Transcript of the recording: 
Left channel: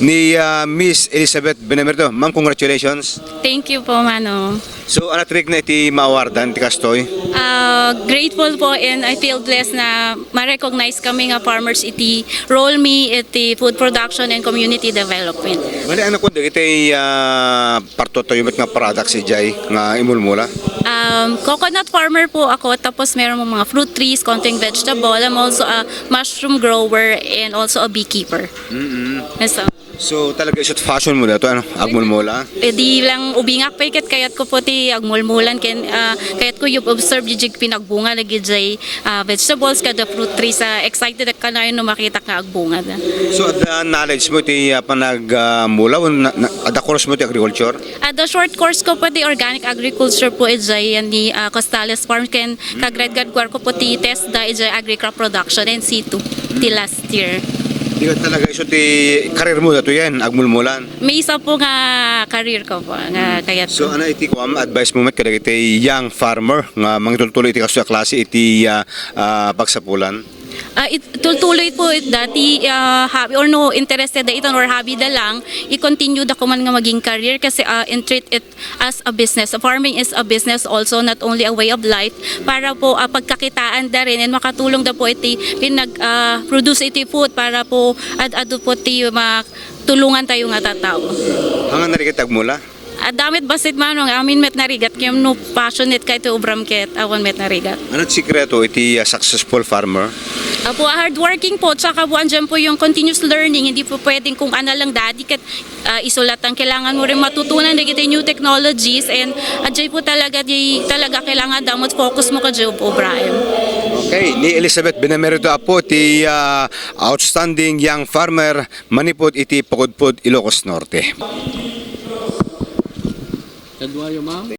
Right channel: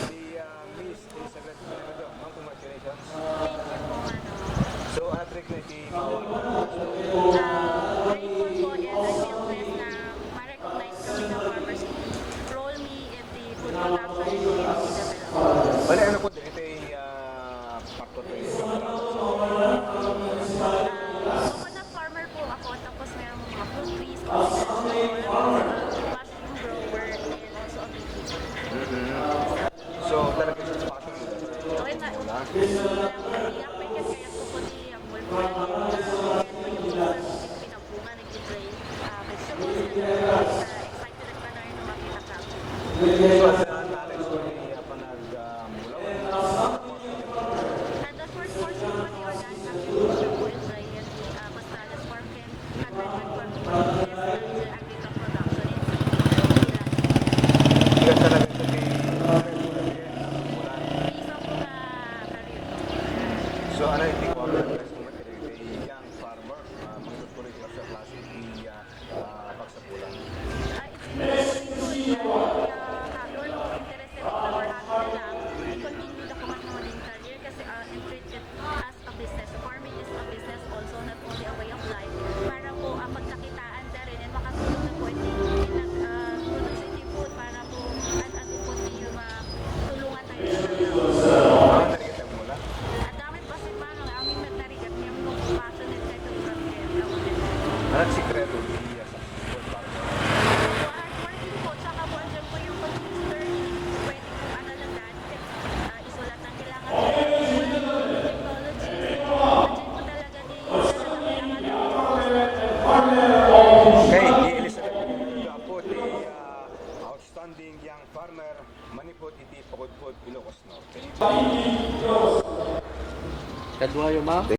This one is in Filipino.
ni Miss Elizabeth Benamerto. Ma'am, congratulations. Thank you po, Mano. So, ano trick na iti maawardan, iti kastoy? Grateful po and I feel blessed na ma-recognize kami nga farmers iti role me iti food production and community development. Bali, ano kung iti partotoyumit nga products si Jai nga imulmula? Coconut farmer po ako, tapos meron mo mga fruit trees, konting vegetable. I'm also a mushroom grower and also a beekeeper. So, So, talaga isot fashion mo na ito, ano? Agmulmula? di lang ubingak pa ikat kayat ko po ti agmulmulan kayat ko yung observe jig pinagbunga lagi jay vegetables kada fruit trees excited ka na yun no makita ka agbunga da. So, at knowledge mo iti panagmula, at the course mo iti agriculture? At the short course ko po di organic agriculture po ijay yan di Costales Farm ken kagradgad ko po ti test da ijay agri-crop production and C2 ti last year. Ika talaga isot iti karir mo na ito yan, agmulmulan. May isa po nga career ko po nga kayat So, ano iti ko advice mo kada iti young farmer nga mangituloy iti kaso klase iti pagsapulan? Tuloy po dati hobby or no interested da iton or hobby da lang i-continue da ko man nga maging career kasi treat it as a business. Farming is a business also, not only a way of life para po pagkakitaan da rin and makatulong da po iti produce iti food para po ado po ti tulungan tayo nga tatao. Ang narikitag mula? Damit basit manong amin met narigat kayam no passionate kay to ubram ket awan met narigat. Ano sikreto iti successful farmer? Po hardworking po, tsaka po andyan po yung continuous learning. Hindi po pwedeng kung ano lang dati kat isulat ang kailangan mo rin matutunan na kita new technologies and adjay po talaga kailangan damot focus mo ka dyan po, Brian. Okay, ni Elizabeth Benamerto po ti outstanding young farmer manipod iti Pagudpud, Ilocos Norte. And why, ma'am?